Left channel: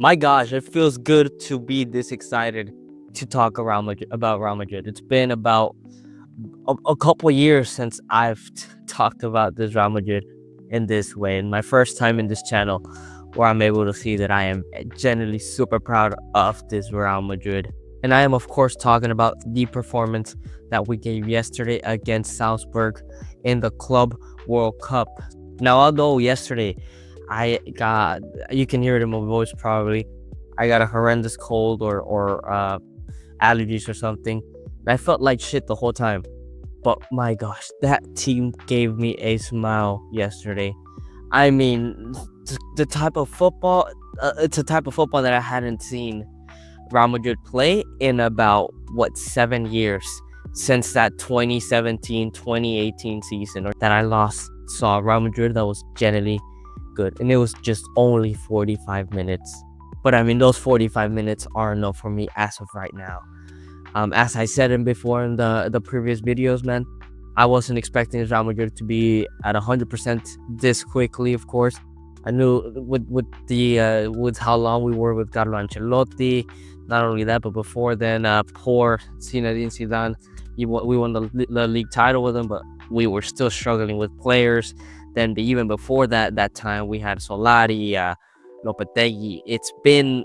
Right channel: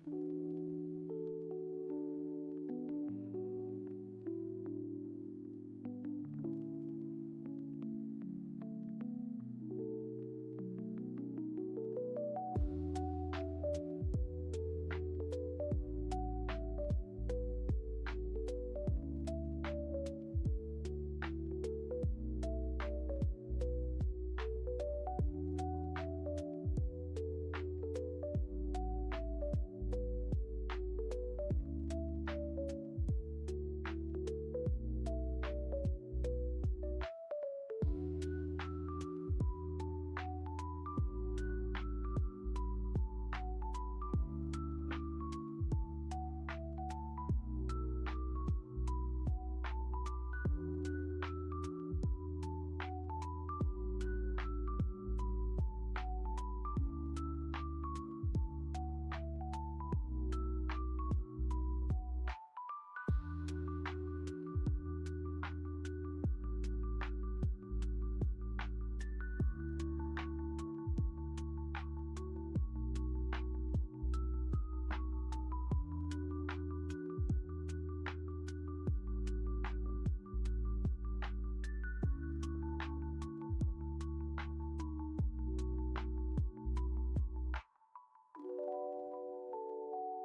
My gosh, it feels good to be this excited to talk about Real Madrid. It's been about a couple years since I've talked about this Real Madrid in this way, and my first time in this channel where I'm able to see that I am genuinely super proud of this Real Madrid. And I am, of course, talking about the performance that we gave yesterday against Salzburg in the Club World Cup. Now, although yesterday I got, you can hear it in my voice probably, I got a horrendous cold or allergies or something. And I felt like shit the whole time. But my gosh, that team gave me a smile yesterday. I mean, the type of football, it's a type of football that I hadn't seen Real Madrid play in about, 7 years since that 2017-2018 season or that I last saw Real Madrid that was generally good. And it was just only 45 minutes. But I mean, those 45 minutes are enough for me as of right now. As I said before in the previous videos, man, I wasn't expecting Real Madrid to be at 100% this quickly. Of course, I knew with how long we were with Carlo Ancelotti. Not only that, but before then, poor Zinedine Zidane. We won the league title with him, but we were still struggling with players. Then even before that time we had Solari, Lopetegui. It's been,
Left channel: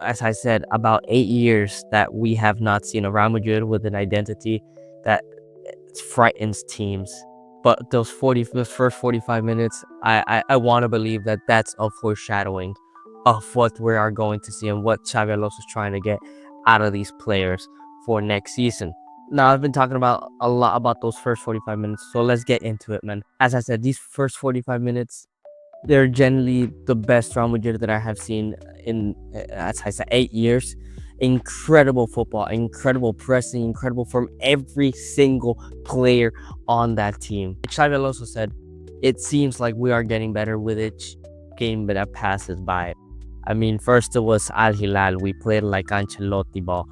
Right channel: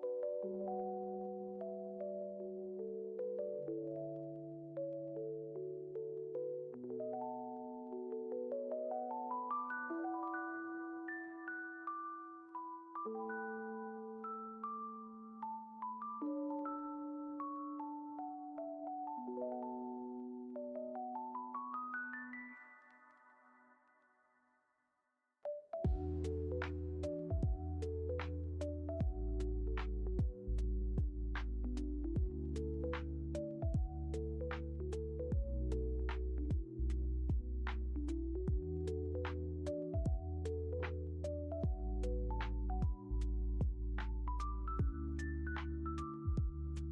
as I said, about 8 years that we have not seen a Real Madrid with an identity that frightens teams. But those first 45 minutes, I want to believe that that's a foreshadowing of what we are going to see and what Xavi Alonso is trying to get out of these players for next season. Now, I've been talking about a lot about those first 45 minutes, so let's get into it, man. As I said, these first 45 minutes, they're generally the best Real Madrid that I have seen in, as I said, 8 years. Incredible football, incredible pressing, incredible from every single player on that team. Xavi Alonso said, it seems like we are getting better with each game that passes by. I mean, first it was Al Hilal. We played like Ancelotti ball.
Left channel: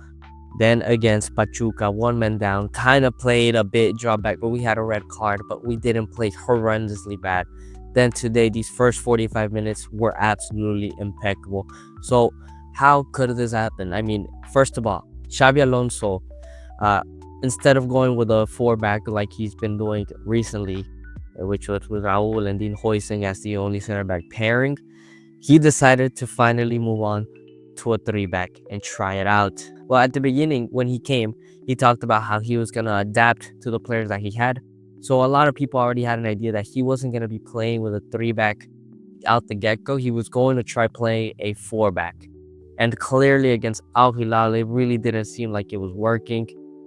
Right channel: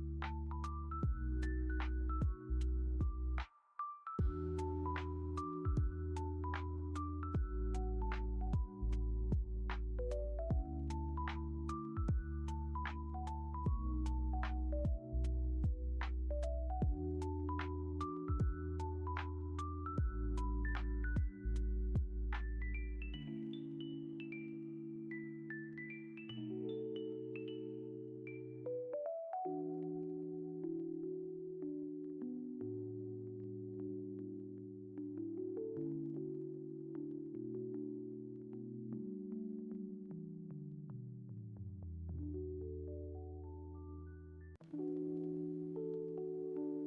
Then against Pachuca, one man down, kind of played a bit drawback, but we had a red card, but we didn't play horrendously bad. Then today, these first 45 minutes were absolutely impeccable. So how could this happen? I mean, first of all, Xavi Alonso, instead of going with a 4-back like he's been doing recently, which was with Raul and Dean Hoising as the only center back pairing, he decided to finally move on to a 3-back and try it out. Well, at the beginning, when he came, he talked about how he was going to adapt to the players that he had. So a lot of people already had an idea that he wasn't going to be playing with a 3-back out the get-go. He was going to try playing a 4-back. And clearly against Al Hilal, it really didn't seem like it was working.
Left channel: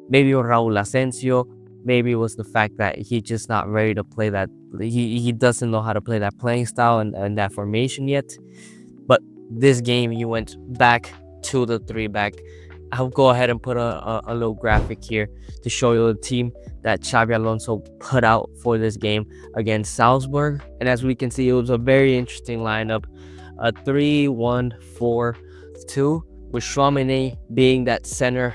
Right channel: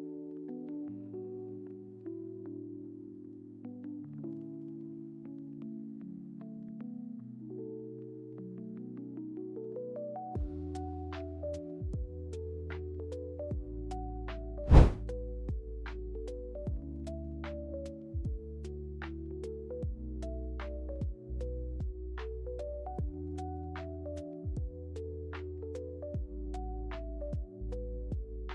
Maybe it was Raul Asensio. Maybe it was the fact that he's just not ready to play that. He doesn't know how to play that playing style and that formation yet. But this game, he went back to the 3-back. I'll go ahead and put a little graphic here to show you the team that Xavi Alonso put out for this game against Salzburg. And as we can see, it was a very interesting lineup. A 3-1-4-2 with Chouameni being that center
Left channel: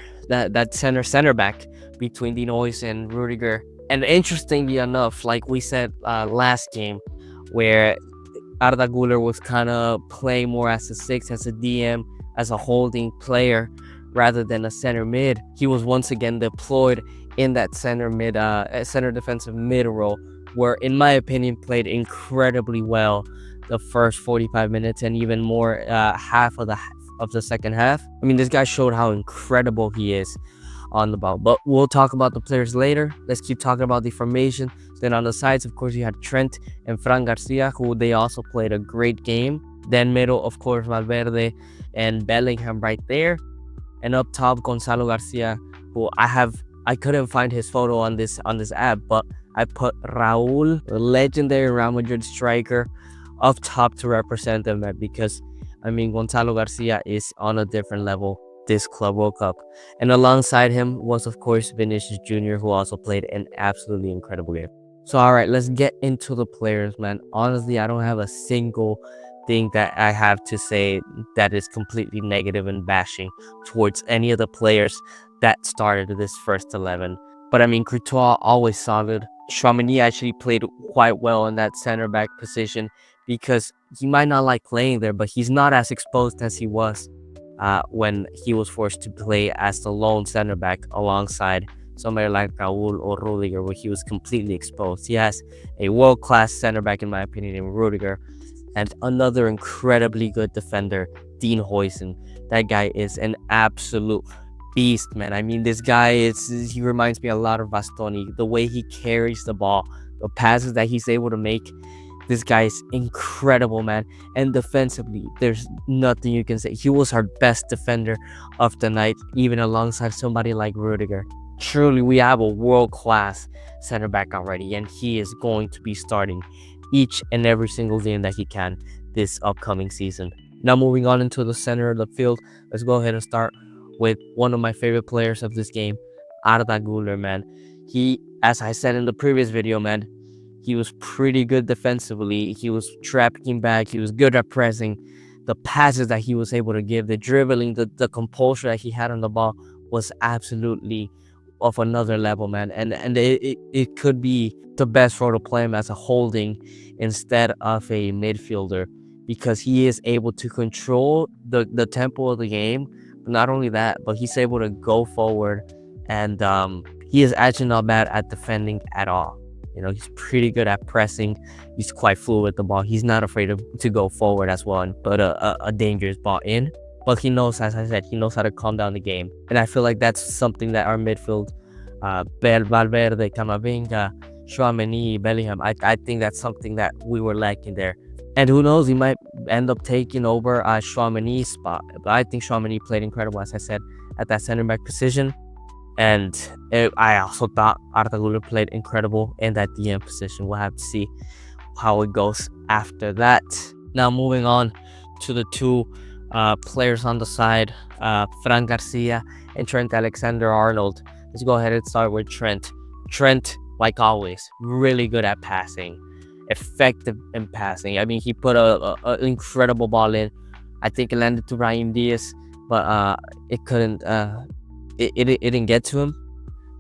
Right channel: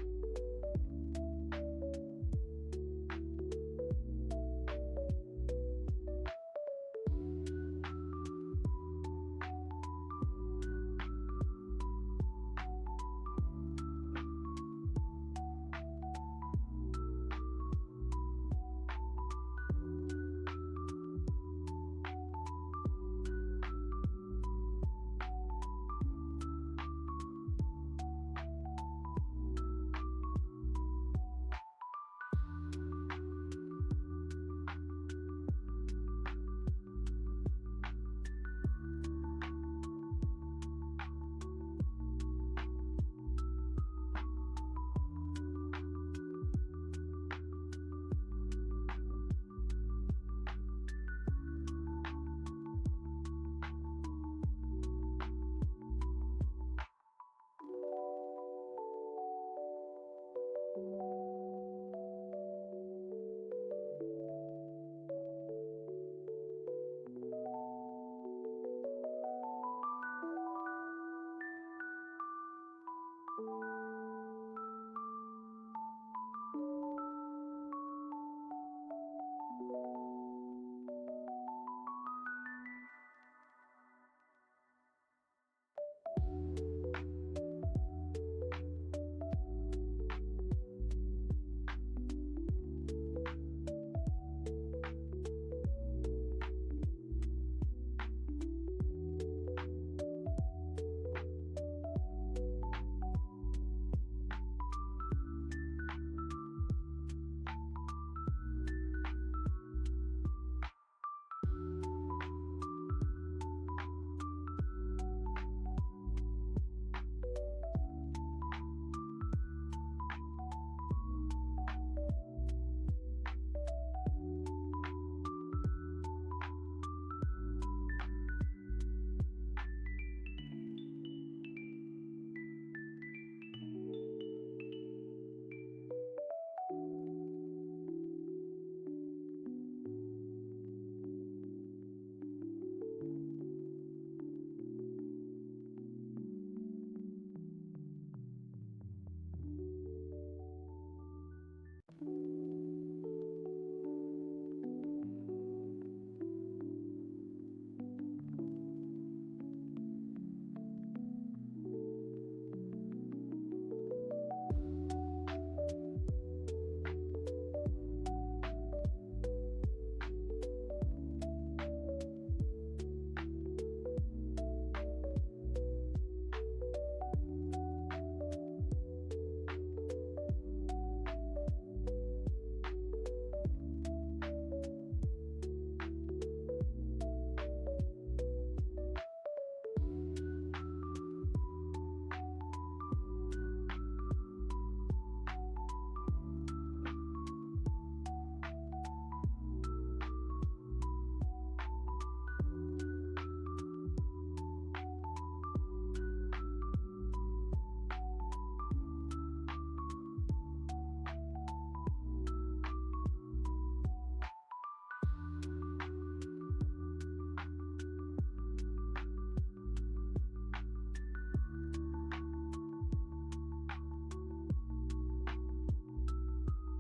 back between Dinois and Rudiger. And interestingly enough, like we said last game, where Arda Güler was kind of playing more as a 6, as a DM, as a holding player rather than a center mid, he was once again deployed in that center defensive mid role, where in my opinion played incredibly well the first 45 minutes and even more half of the second half. I mean, this guy showed how incredible he is on the ball. But we'll talk about the players later. Let's keep talking about the formation. Then on the sides, of course, you had Trent and Fran Garcia, who they also played a great game. Then middle, of course, Valverde and Bellingham right there. And up top, Gonzalo Garcia, who I couldn't find his photo on this app, but I put Raul, the legendary Real Madrid striker, up top to represent them, because I mean, Gonzalo Garcia is on a different level this Club World Cup. And alongside him was, of course, Vinicius Jr., who also played an absolutely incredible game. So, all right, let's get into the players, man. Honestly, I don't have a single thing that I have to say that is completely negative and bashing towards any of the players that started this first 11. But I mean, Courtois always solid. Chouameni actually played quite well in that center back position because he might not like playing there, but he's not as exposed as he was when he was forced to play as the lone center back alongside somebody like Raul or Rudiger, where he was completely exposed. He has a world-class center back, in my opinion, in Rudiger, and another incredibly good defender, Dean Huijsen. That guy is an absolute beast, man. I mean, this guy he reminds me a lot of Bastoni. The way he carries the ball, the passes that he's able to make. This guy is incredible, man. And defensively, there's nothing you can say. He was our best defender of the night, even alongside somebody like Rudiger. Truly, we have a world-class center back already, and he is going to be starting each and every single game that he can this upcoming season. Now, moving on into the center of the field, let's go ahead and start with one of my favorite players of this game, Arda Güler, man. He, as I said in the previous video, man, he was pretty good defensively. He was trapping back. He was good at pressing. The passes that he was able to give, the dribbling, the composure that he had on the ball was absolutely of another level, man. And it could be the best role to play him as a holding instead of a midfielder, because he is able to control the tempo of the game. But not only that, but he's able to go forward, and he is actually not bad at defending at all. You know, he's pretty good at pressing. He's quite fluid with the ball. He's not afraid to go forward as well and put a dangerous ball in. But he knows, as I said, he knows how to calm down the game. And I feel like that's something that our midfield, Valverde, Camavinga, Tchouaméni, Bellingham, I think that's something that we were lacking there. And who knows, he might end up taking over Tchouaméni's spot. But I think Tchouaméni played incredible, as I said, at that center back position. And I also thought Arda Güler played incredible in that DM position. We'll have to see how it goes after that. Now, moving on to the two players on the side, Fran Garcia and Trent Alexander-Arnold. Let's go ahead and start with Trent. Trent, like always, really good at passing, effective in passing. I mean, he put an incredible ball in. I think it landed to Brahim Diaz, but it couldn't. It didn't get to him,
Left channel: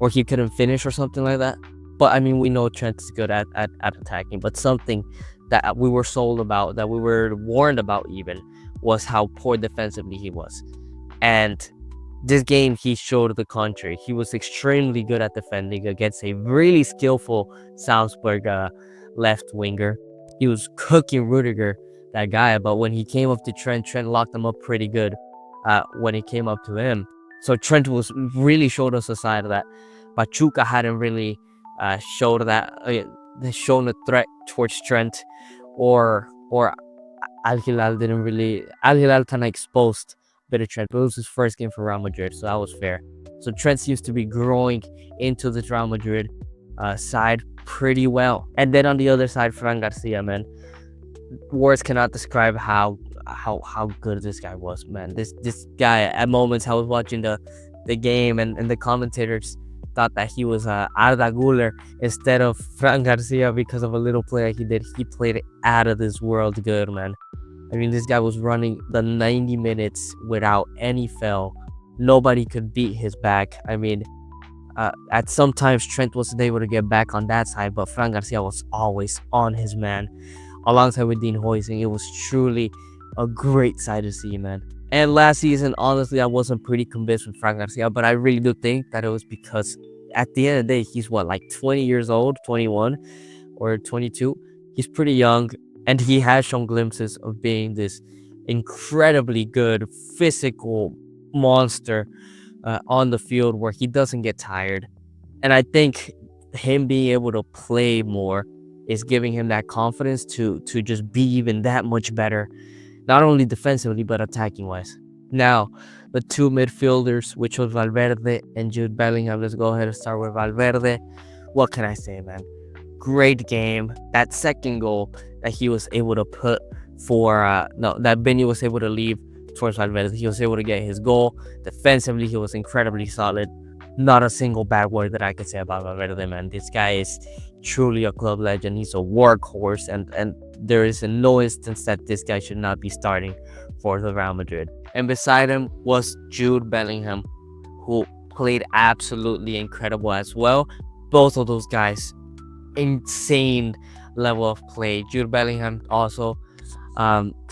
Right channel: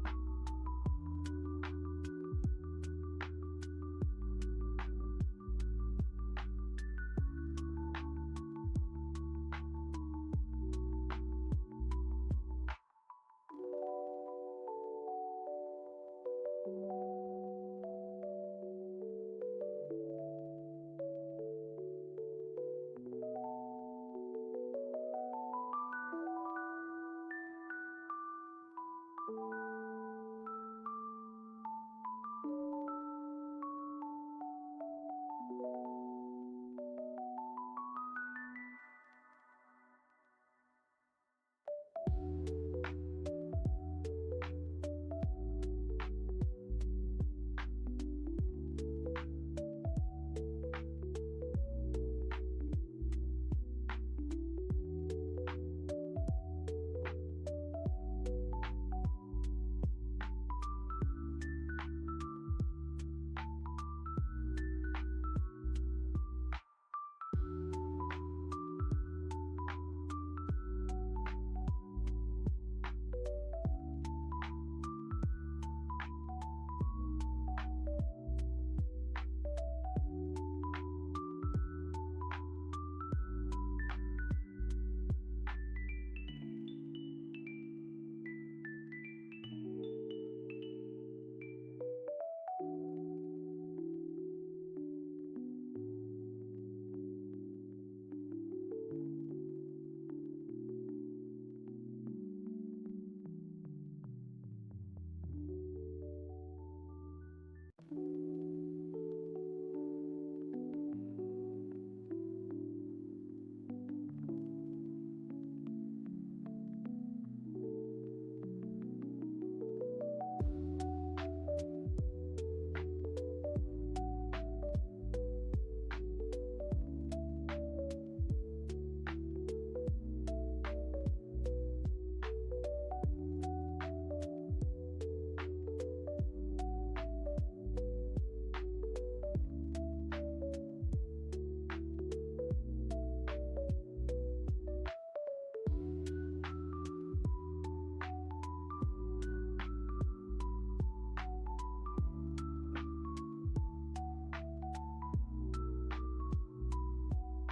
or he couldn't finish or something like that. But I mean, we know Trent is good at attacking, but something that we were sold about, that we were warned about even, was how poor defensively he was. And this game, he showed the contrary. He was extremely good at defending against a really skillful Salzburg left winger. He was cooking Rudiger, that guy, but when he came up to Trent locked him up pretty good when he came up to him. So Trent was really showed us a side of that. Pachuca hadn't really showed that, shown a threat towards Trent, or Al Hilal didn't really. Al Hilal kind of exposed a bit of Trent, but it was his first game for Real Madrid, so that was fair. So Trent seems to be growing into the Real Madrid side pretty well. And then on the other side, Fran Garcia, man, words cannot describe how good this guy was, man. This guy, at moments I was watching the game, and the commentators thought that he was Arda Güler instead of Fran Garcia because of a little play that he did. He played it out of this world good, man. I mean, this guy was running the 90 minutes without any foul. Nobody could beat his back. I mean, at some times Trent wasn't able to get back on that side, but Fran Garcia was always on his man, alongside with Dean Huijsen. It was truly a great sight to see, man. And last season, honestly, I wasn't pretty convinced with Fran Garcia, but I really do think that it was because at the end of the day, he's like 20 years old, 21 or 22. He's pretty young, and he has shown glimpses of being this incredibly good physical monster on the field where he doesn't get tired. And I think him being able to play more is giving him that confidence to just be even that much better, not only defensively, but attacking-wise. Now, the two midfielders, which was Valverde and Jude Bellingham. Let's go ahead and start with Valverde. What can I say, man? Great game. That second goal that he was able to put that Benny was able to leave towards Valverde. He was able to get his goal. Defensively, he was incredibly solid. Not a single bad word that I could say about Valverde, man. This guy is truly a club legend. He's a workhorse, and there is in no instance that this guy should not be starting for the Real Madrid. And beside him was Jude Bellingham, who played absolutely incredible as well. Both of those guys, insane level of play. Jude Bellingham also,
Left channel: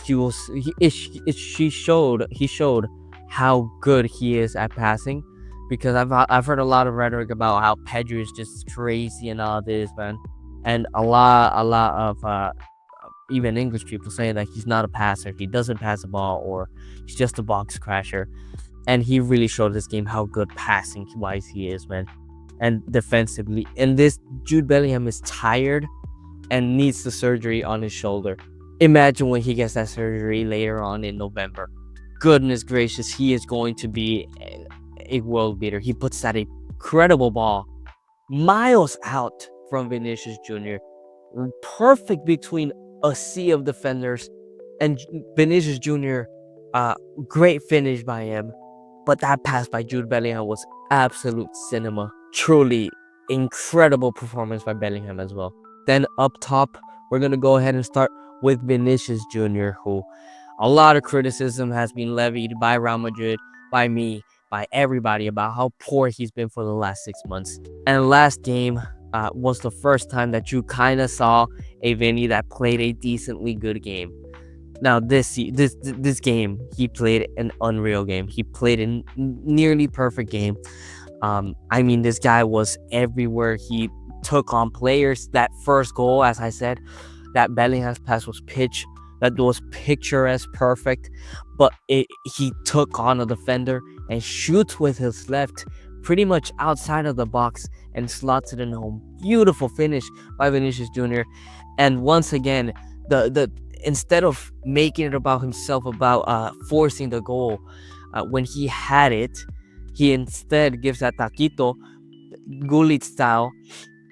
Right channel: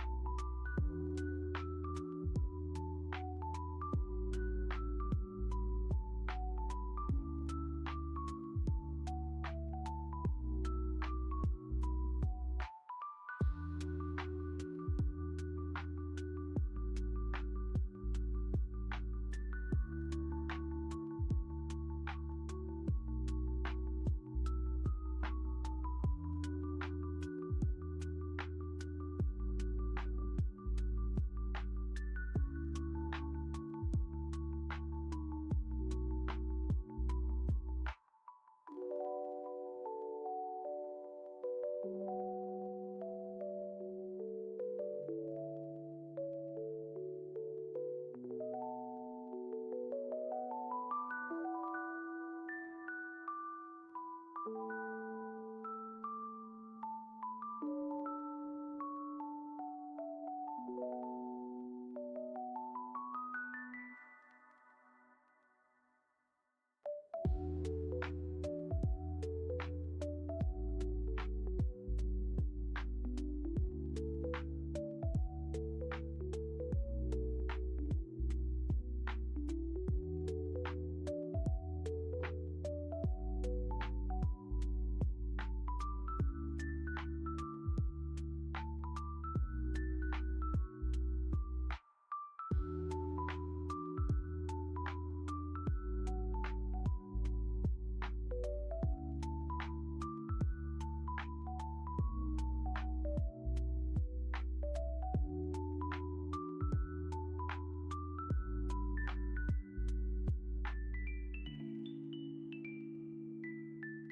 he showed how good he is at passing, because I've heard a lot of rhetoric about how Pedri is just crazy and all this, man, and a lot of even English people saying that he's not a passer, he doesn't pass the ball, or he's just a box crasher. And he really showed this game how good passing wise he is, man, and defensively. And this Jude Bellingham is tired and needs the surgery on his shoulder. Imagine when he gets that surgery later on in November. Goodness gracious, he is going to be a world beater. He puts that incredible ball miles out from Vinicius Jr. Perfect between a sea of defenders, and Vinicius Jr. Great finish by him. But that pass by Jude Bellingham was absolute cinema. Truly incredible performance by Bellingham as well. Then up top, we're going to go ahead and start with Vinicius Jr., who a lot of criticism has been levied by Real Madrid, by me, by everybody about how poor he's been for the last 6 months. And last game was the first time that you kind of saw a Vinny that played a decently good game. Now this game, he played an unreal game. He played a nearly perfect game. I mean, this guy was everywhere. He took on players. That first goal, as I said, that Bellingham's pass was picturesque, perfect. But he took on a defender and shoots with his left, pretty much outside of the box, and slots it in home. Beautiful finish by Vinicius Jr. And once again, the instead of making it about himself, about forcing the goal, when he had it, he instead gives that taquito, Gullit style,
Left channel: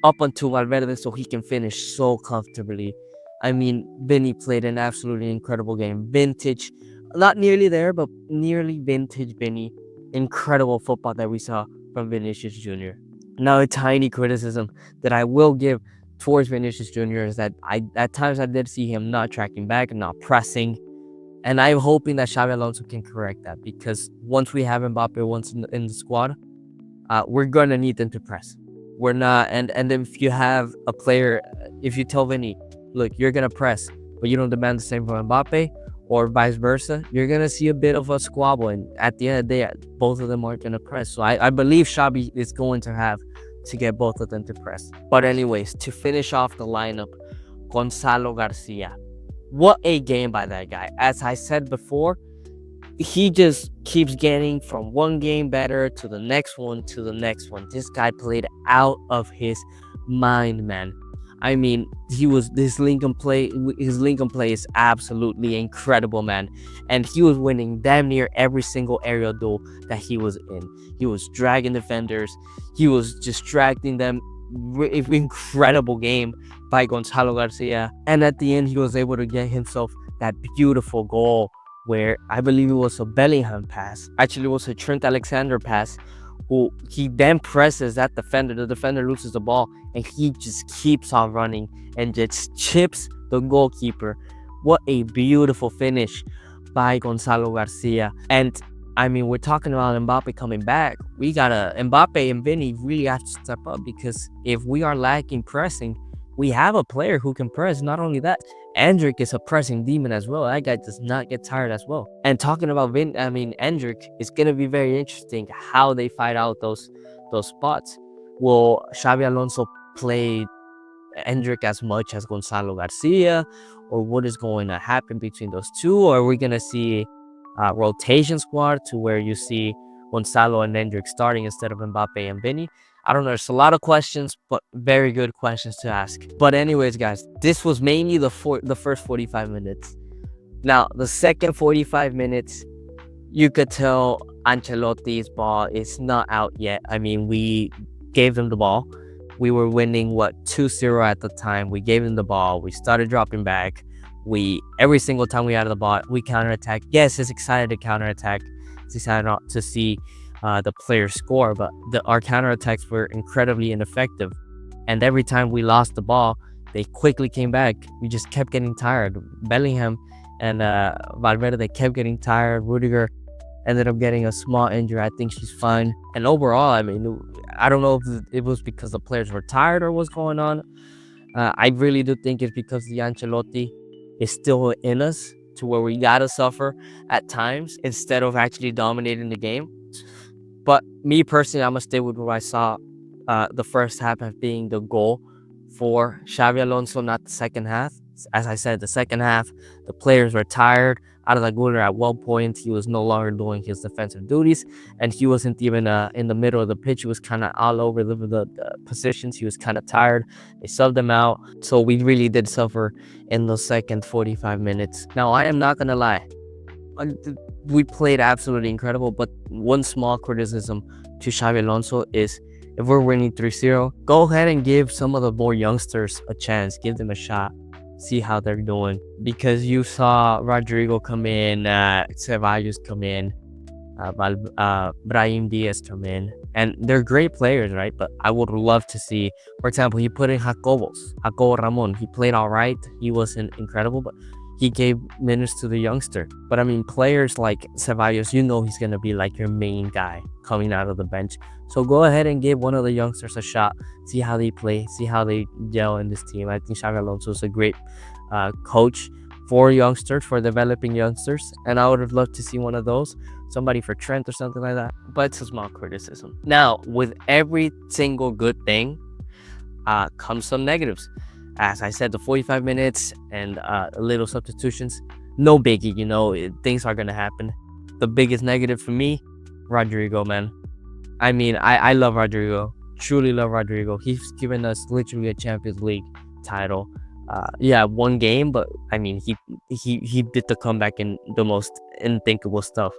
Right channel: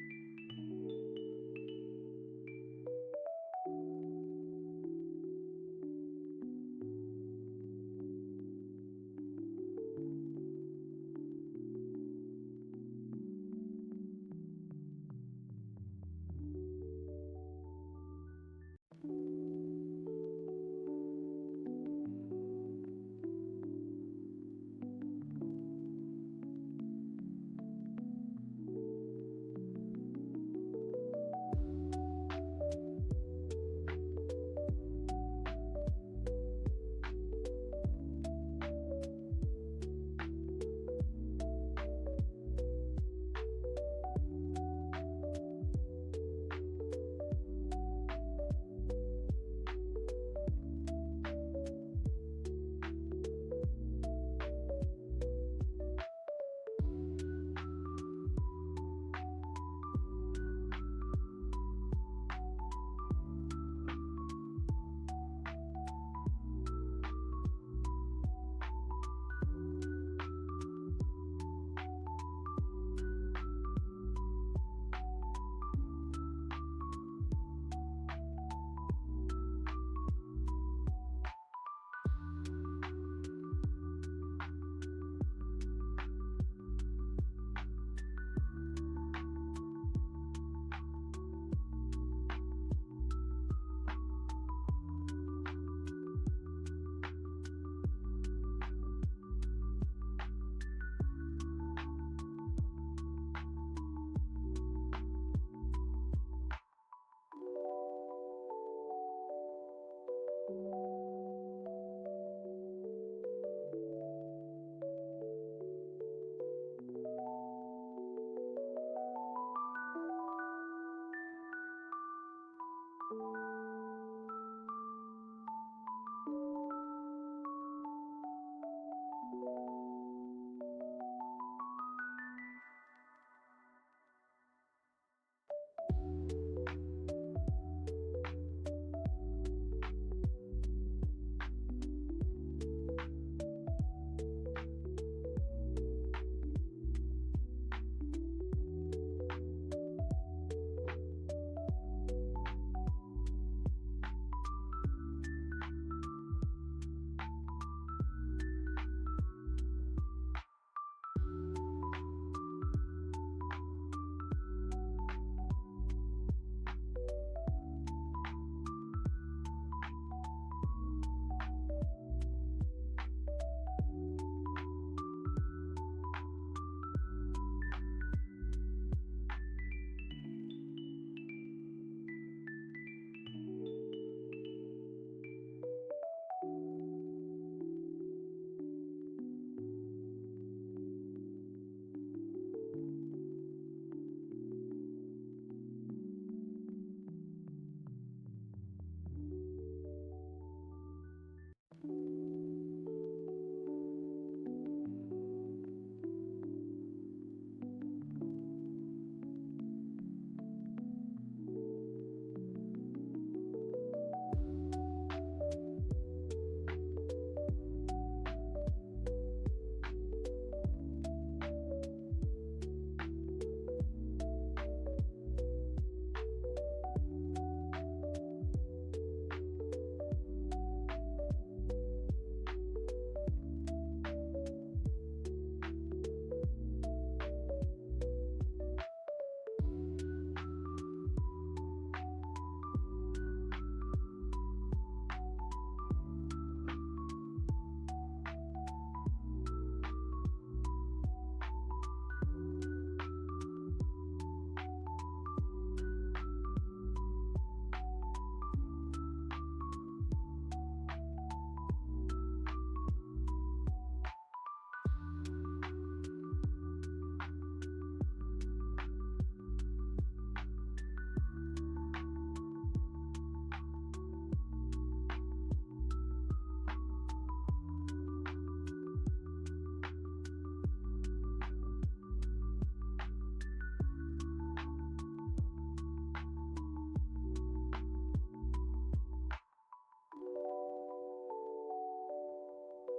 up onto Valverde so he can finish so comfortably. I mean, Vinny played an absolutely incredible game. Vintage, not nearly there, but nearly vintage Vinny. Incredible football that we saw from Vinicius Jr. Now, a tiny criticism that I will give towards Vinicius Jr. is that at times I did see him not tracking back and not pressing. And I'm hoping that Xavi Alonso can correct that, because once we have Mbappe once in the squad, we're going to need them to press. We're not, and if you have a player, if you tell Vinny, look, you're going to press, but you don't demand the same from Mbappe, or vice versa, you're going to see a bit of a squabble. And at the end of the day, both of them aren't going to press. So I believe Xavi is going to have to get both of them to press. But anyways, to finish off the lineup, Gonzalo Garcia. What a game by that guy. As I said before, he just keeps getting from one game better to the next one to the next one. This guy played out of his mind, man. I mean, his Lincoln play is absolutely incredible, man. And he was winning damn near every single aerial duel that he was in. He was dragging defenders. He was distracting them. Incredible game by Gonzalo Garcia. And at the end, he was able to get himself that beautiful goal, where I believe it was a Bellingham pass. Actually, it was a Trent Alexander pass, who he then presses that defender. The defender loses the ball, and he just keeps on running and just chips the goalkeeper. What a beautiful finish by Gonzalo Garcia. And I mean, we're talking about Mbappe coming back. We gotta, Mbappe and Vinny really have to step up, because if we are lacking pressing, we have a player who can press. Not only that, Endrick is a pressing demon as well. That guy does not get tired as well. And talking about Endrick, it's gonna be very interesting how they fight out those spots. Will Xavi Alonso play Endrick as much as Gonzalo Garcia, or what is going to happen between those two? Or are we gonna see a rotation squad to where you see Gonzalo and Endrick starting instead of Mbappe and Vinny? I don't know. There's a lot of questions, but very good questions to ask. But anyways, guys, this was mainly the first 45 minutes. Now, the second 45 minutes, you could tell Ancelotti's ball is not out yet. I mean, we gave them the ball. We were winning, 2-0 at the time. We gave them the ball. We started dropping back. Every single time we had the ball, we counterattack. Yes, it's excited to counterattack. It's excited to see the players score, but our counterattacks were incredibly ineffective. And every time we lost the ball, they quickly came back. We just kept getting tired. Bellingham and Valverde, they kept getting tired. Rudiger ended up getting a small injury. I think she's fine. And overall, I mean, I don't know if it was because the players were tired or what's going on. I really do think it's because the Ancelotti is still in us to where we gotta suffer at times instead of actually dominating the game. But me personally, I'm gonna stay with what I saw the first half as being the goal for Xavi Alonso, not the second half. As I said, the second half, the players were tired. Out of the Guler at one point, he was no longer doing his defensive duties, and he wasn't even in the middle of the pitch. He was kind of all over the positions. He was kind of tired. They subbed him out, so we really did suffer in the second 45 minutes. Now, I am not gonna lie, we played absolutely incredible, but one small criticism to Xavi Alonso is if we're winning 3-0, go ahead and give some of the more youngsters a chance, give them a shot, see how they're doing. Because you saw Rodrigo come in, Ceballos come in, Brahim Diaz come in, and they're great players, right? But I would love to see, for example, he put in Jacobo Ramon. He played all right. He wasn't incredible, but he gave minutes to the youngster. But I mean, players like Ceballos, you know he's gonna be like your main guy coming out of the bench. So go ahead and give one of the youngsters a shot. See how they play. See how they gel in this team. I think Xavi Alonso is a great coach for youngsters, for developing youngsters, and I would have loved to see one of those, somebody for Trent or something like that. But it's a small criticism. Now, with every single good thing comes some negatives. As I said, the 45 minutes and little substitutions, no biggie, things are going to happen. The biggest negative for me, Rodrigo, man. I mean, I love Rodrigo, truly love Rodrigo. He's given us literally a Champions League title. Yeah, one game, but I mean, he did the comeback in the most unthinkable stuff.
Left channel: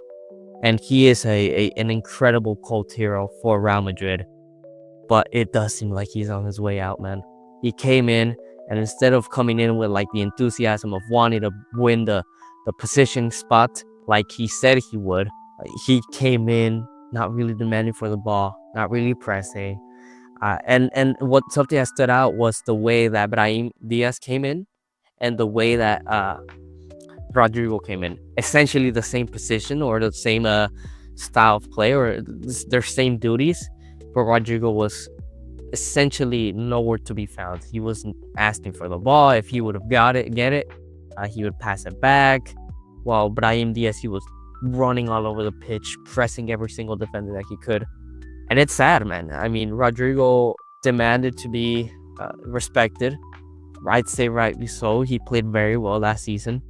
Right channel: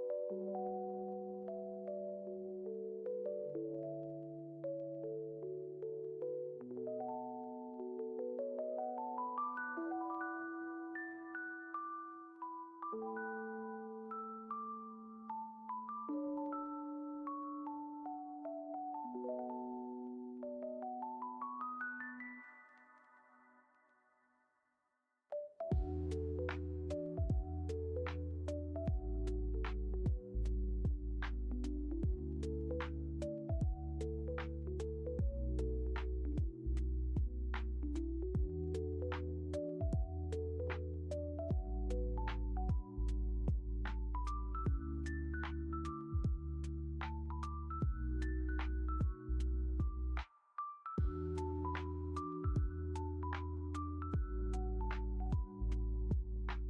And he is an incredible cult hero for Real Madrid. But it does seem like he's on his way out, man. He came in, and instead of coming in with like the enthusiasm of wanting to win the position spot like he said he would, he came in not really demanding for the ball, not really pressing. And what something that stood out was the way that Brahim Diaz came in and the way that Rodrigo came in. Essentially the same position or the same style of play or their same duties, but Rodrigo was essentially nowhere to be found. He wasn't asking for the ball. If he would have get it, he would pass it back. While Brahim Diaz, he was running all over the pitch, pressing every single defender that he could. And it's sad, man. I mean, Rodrigo demanded to be respected. I'd say rightly so. He played very well last season.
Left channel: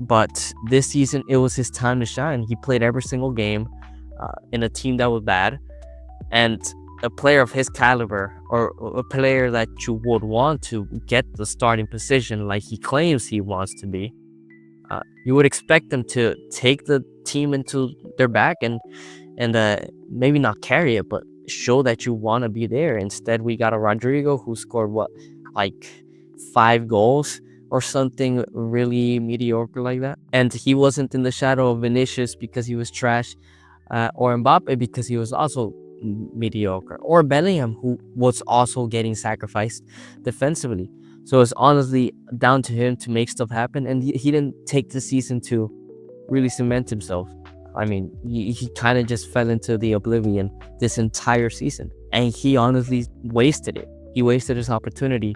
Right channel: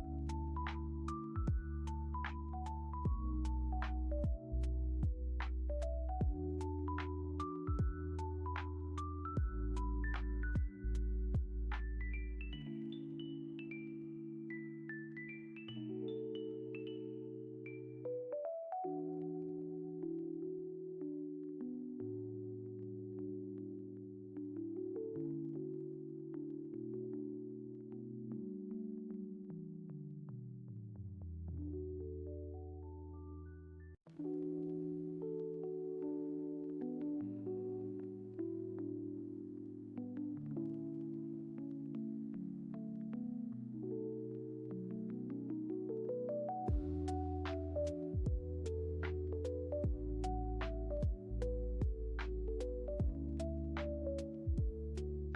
But this season, it was his time to shine. He played every single game in a team that was bad. And a player of his caliber, or a player that you would want to get the starting position like he claims he wants to be, you would expect them to take the team into their back and maybe not carry it, but show that you want to be there. Instead, we got a Rodrigo who scored like 5 goals or something really mediocre like that, and he wasn't in the shadow of Vinicius because he was trash, or Mbappe because he was also mediocre, or Bellingham who was also getting sacrificed defensively. So it's honestly down to him to make stuff happen, and he didn't take the season to really cement himself. I mean, he kind of just fell into the oblivion this entire season, and he honestly wasted it. He wasted his opportunity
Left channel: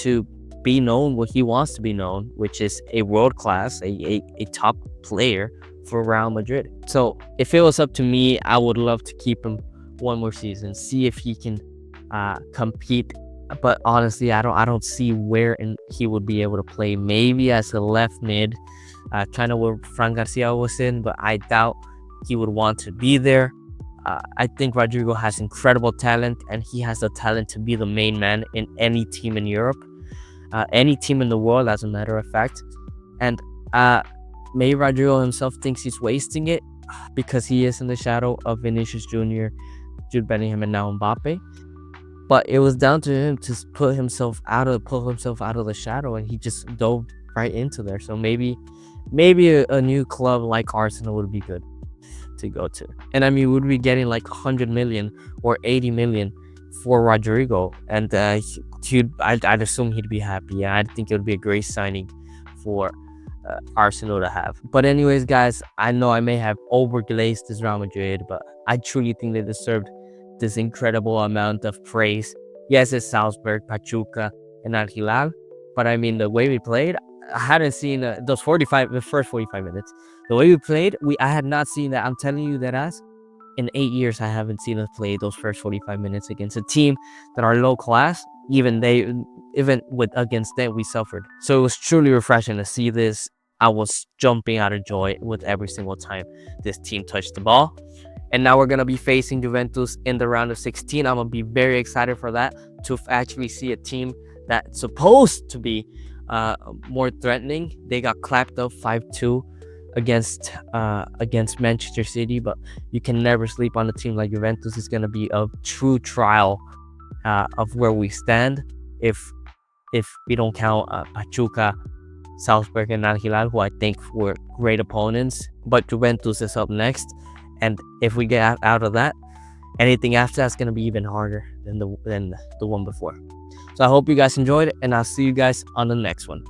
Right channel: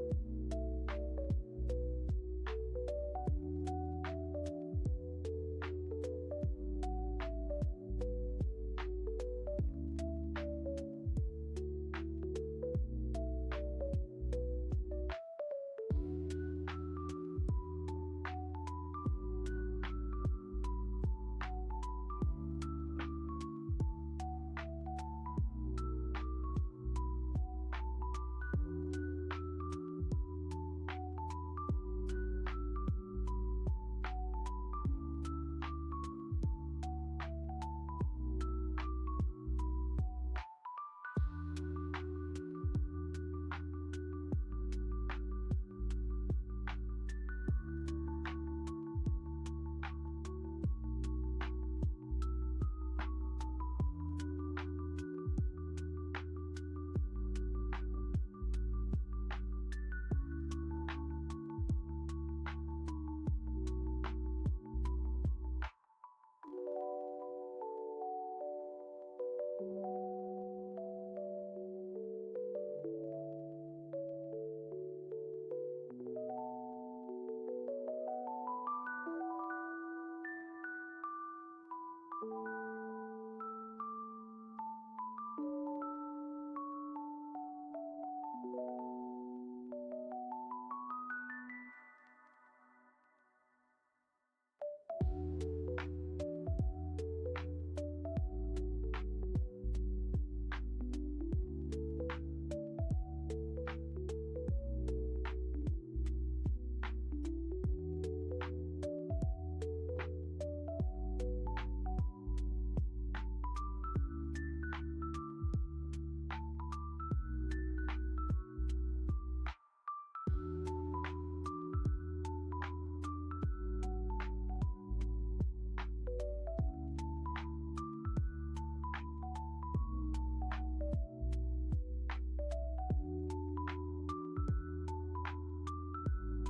to be known what he wants to be known, which is a world class, a top player for Real Madrid. So if it was up to me, I would love to keep him one more season, see if he can compete. But honestly, I don't see where he would be able to play. Maybe as a left mid, kind of where Fran Garcia was in, but I doubt he would want to be there. I think Rodrigo has incredible talent, and he has the talent to be the main man in any team in Europe, any team in the world, as a matter of fact. And maybe Rodrigo himself thinks he's wasting it because he is in the shadow of Vinicius Jr., Jude Bellingham, and now Mbappe. But it was down to him to pull himself out of the shadow, and he just dove right into there. So maybe a new club like Arsenal would be good to go to. And I mean, would we getting like 100 million or 80 million for Rodrigo? And I'd assume he'd be happy. Yeah, I think it would be a great signing for Arsenal to have. But anyways, guys, I know I may have overglazed this Real Madrid, but I truly think they deserved this incredible amount of praise. Yes, it's Salzburg, Pachuca, and Al Hilal. But I mean, the way we played, I hadn't seen the first 45 minutes. The way we played, I had not seen that. I'm telling you that in 8 years, I haven't seen us play those first 45 minutes against a team that are low class. Even with against them, we suffered. So it was truly refreshing to see this. I was jumping out of joy with every single time this team touched the ball. And now we're going to be facing Juventus in the round of 16. I'm going to be very excited for that, to actually see a team that's supposed to be more threatening. They got clapped up 5-2 against Manchester City, but you can never sleep on a team like Juventus. It's going to be a true trial of where we stand if we don't count Pachuca, Salzburg, and Al Hilal, who I think were great opponents. But Juventus is up next, and if we get out of that, anything after that's going to be even harder than the one before. So I hope you guys enjoyed it, and I'll see you guys on the next one.